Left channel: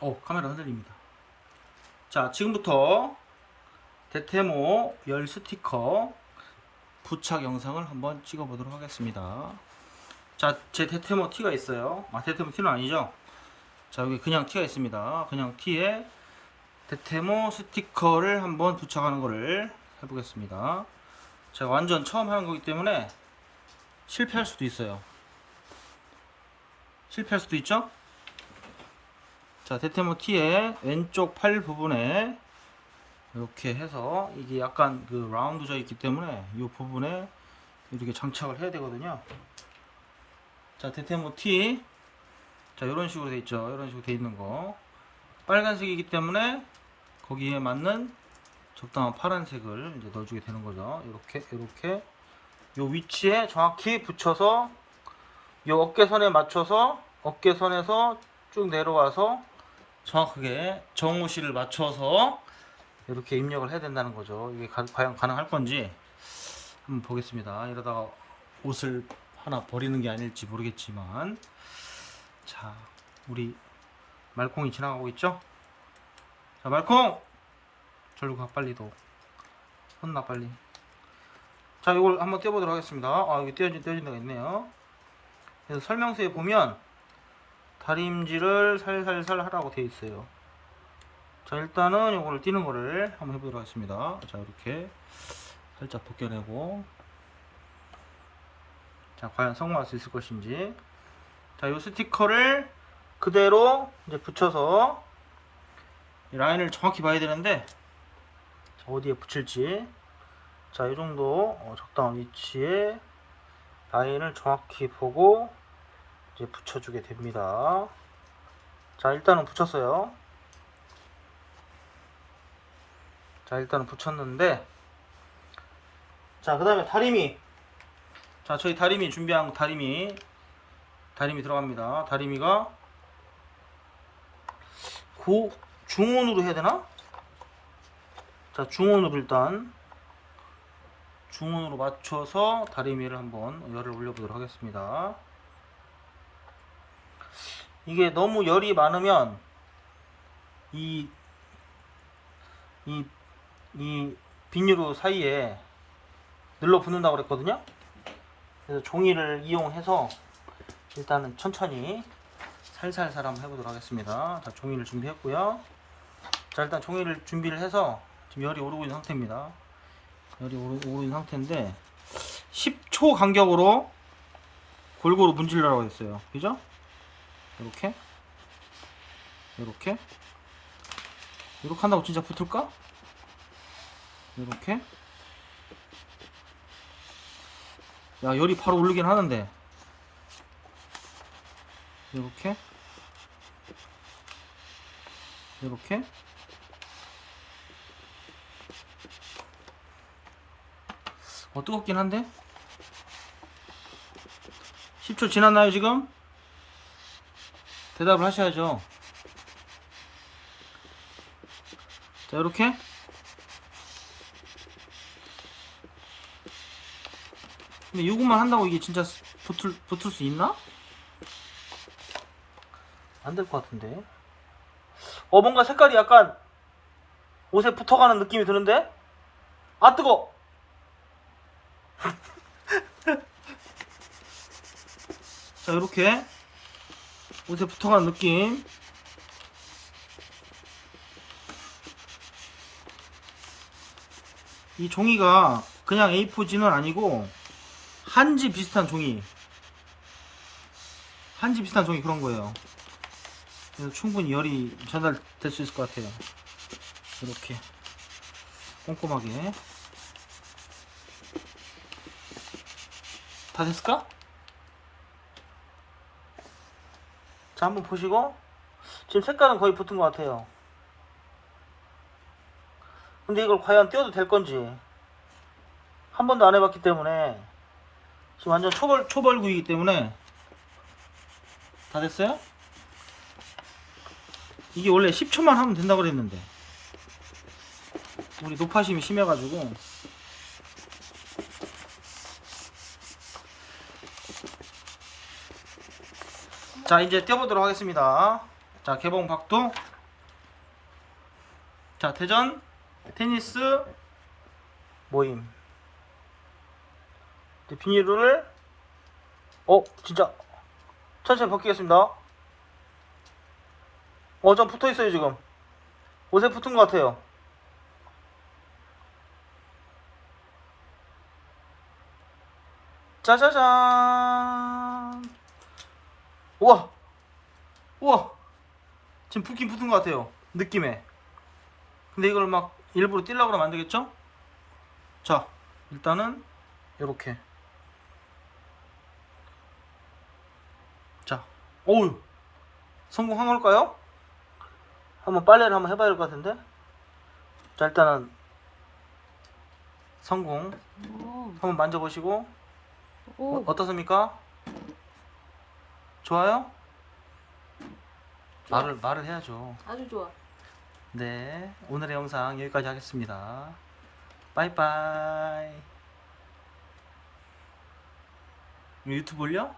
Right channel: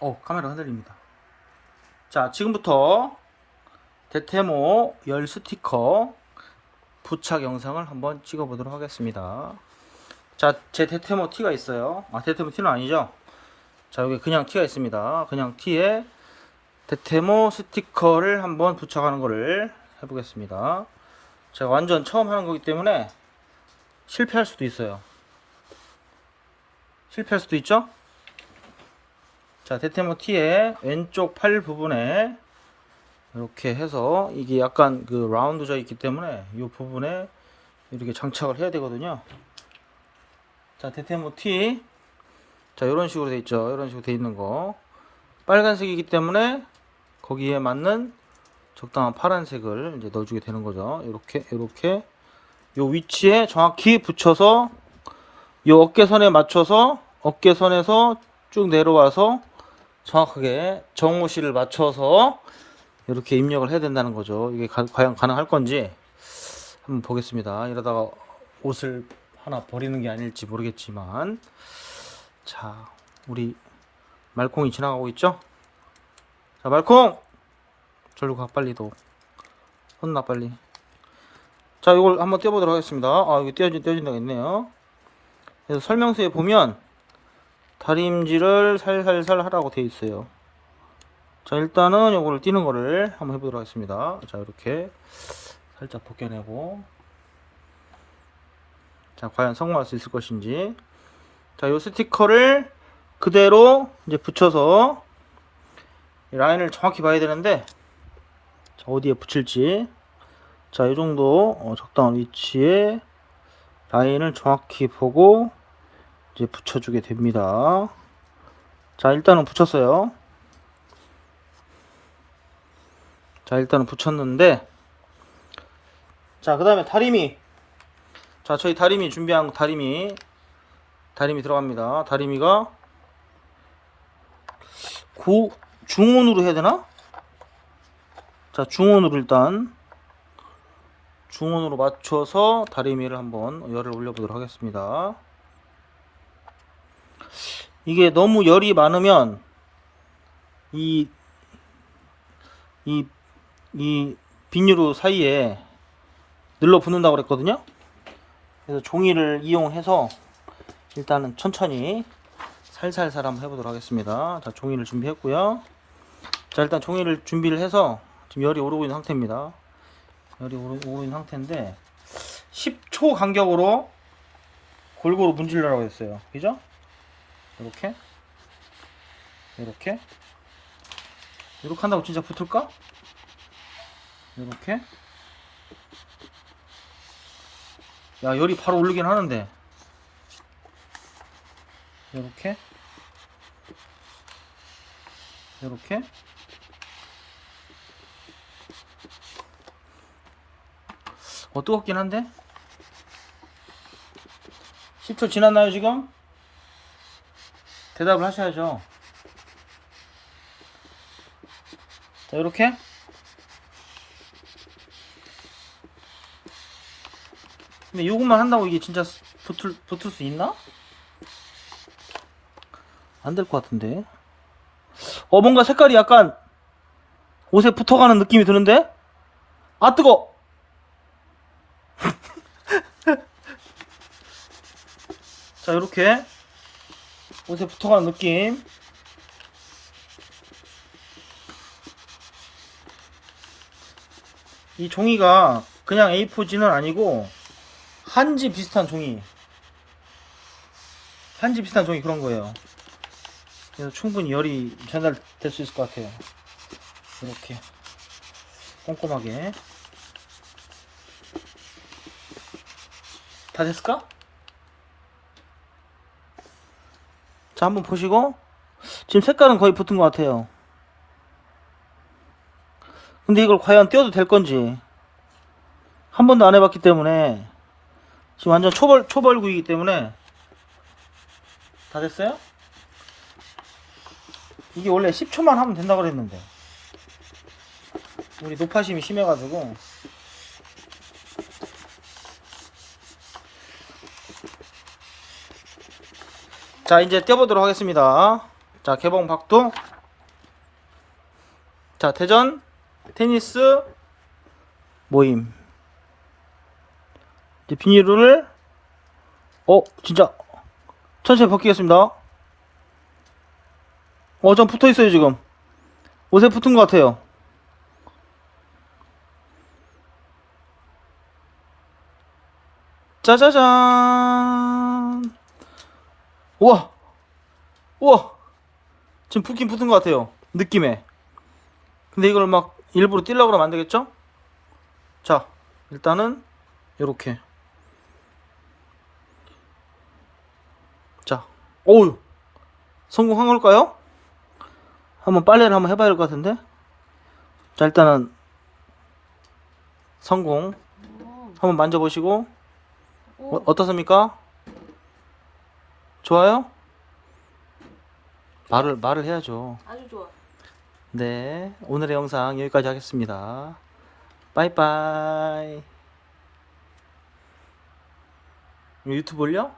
어 카메라 흔들립니다. 자 지금부터 대테모 열 스티커 부착 영상을 한번 찍어보도록 하겠습니다. 자 제 대테모 티가 있어요. 아 대테모 티는 아니죠? 자 여기 그냥 티가 있습니다. 그냥 티에 대테모 스티커를 한번 부착하는 거를 해보겠습니다. 제가 완전 처음 하는 거기 때문에 실패할 수도 있어요. 실패할 수도 있죠? 자, 대테모 T의 왼쪽 팔 부분에 이렇게 해서 이게 약간 그 라운드져 있기 때문에 이 부분에 이렇게 장착을 해야 되거든요. 자, 대테모 T. 자, 이런 식으로 돼 있죠. 이런 식으로 돼 있는 거. 빨간색이기 때문에 거기에 맞는 적당한 파란색을 이제 넣어주게 되는 거죠. 이렇게, 이렇게. 요 위치에 정확히 붙여서 요 어깨선에 맞춰서 어깨선에서 쭉 내려와서 정확하게 정호실을 맞춰서 이렇게 입력을 해야 된다는 거죠. 이게 가- 과연 가능할 건지 한번 보겠습니다. 이러다가 옷을 하나 버리는 게 아닐지 모르겠지만 자 우리 말콩이 지나가고 있죠? 자 말콩 절로 가 빨리 도 혼나 빨리 자 이걸 한번 떼어보도록 하겠습니다. 아 이거 떼어진 떼어진다고 했네요. 그래서 설명서에 보면 다림질을 살살살 하라고 되어 있어요. 자 일단은 요거를 띄는 거를 한번 해보도록 하겠습니다. 자 이렇게 살짝 벗겨내고 자 과연 성공할 수 있을 것인지 자 요 스티커를 그대로 이제 붙여서 이 라인을 정확히 봐야 되는데 자, 어디에 붙일지 자, 이 정도 어, 적당한 위치에 라인을 정확히 보고 이제 붙여주게 됩니다. 자, 일단은 붙였어요. 자, 일단은 붙였는데, 자, 그 다음에 다리미. 자, 저희 다리미 준비한 다리미. 다리미 들어갑니다. 다리미가 고, 중온으로 해야 되나? 자, 중온으로 일단 중온으로 맞춰서 다리미를 한번 열을 올려보도록 하겠습니다. 이게 너무 열이 많으면 이, 이, 이 비닐로 사이에 늘러 붙는다고 그랬거든요. 그래서 종이를 이용해서 일단은 천천히 살살살 한번 해보도록 하겠습니다. 자, 종이를 준비했고요. 자, 일단 종이를 준비를 해서 지금 열이 오르고 있는 상태입니다. 열이 오르, 오르고 있는 상태인데 10초 간격으로 골고루 문질러라고 했어요. 그죠? 이렇게? 이렇게? 이렇게 한다고 진짜 붙을까? 이렇게? 야 열이 바로 오르긴 하는데. 이렇게? 이렇게? 어 뜨겁긴 한데? 10초 지났나요 지금? 대답을 하셔야죠. 자 이렇게. 근데 요것만 한다고 이게 진짜 붙을, 붙을 수 있나? 안 될 것 같은데. 어 뭔가 색깔이 약간 옷에 붙어가는 느낌이 드는데? 아 뜨거! 자 이렇게 옷에 붙어가는 느낌. 이 종이가 그냥 A4지는 아니고 한지 비슷한 종이. 한지 비슷한 종이 그런 거예요. 그래서 충분히 열이 전달될 수 있을 것 같아요. 이렇게 꼼꼼하게. 다 됐을까? 자 한번 보시고. 지금 색깔은 거의 붙은 것 같아요. 근데 이걸 과연 띄워도 될 건지. 한 번도 안 해봤기 때문에. 지금 완전 초벌 초벌구이기 때문에. 다 됐어요? 이게 원래 10초만 하면 된다고 그랬는데. 우리 노파심이 심해가지고 자 이제 떼어보도록 하겠습니다 자, 개봉 박도. 자, 대전 테니스 모임. 이제 비닐을 어, 진짜 천천히 벗기겠습니다. 어, 좀 붙어 있어요, 지금. 옷에 붙은 것 같아요. 짜자잔. 우와. 우와. 지금 붙긴 붙은 것 같아요. 느낌에. 근데 이걸 막 일부러 띄려고 그러면 안 되겠죠? 자, 일단은 요렇게. 자, 오우. 성공한 걸까요? 한번 빨래를 한번 해봐야 될 것 같은데. 자, 일단은 성공. 한번 만져보시고 오, 어, 어떻습니까? 좋아요? 말을 말을 해야죠. 아주 좋아. 네, 오늘의 영상 여기까지 하겠습니다. 빠이빠이. 유튜브 올려?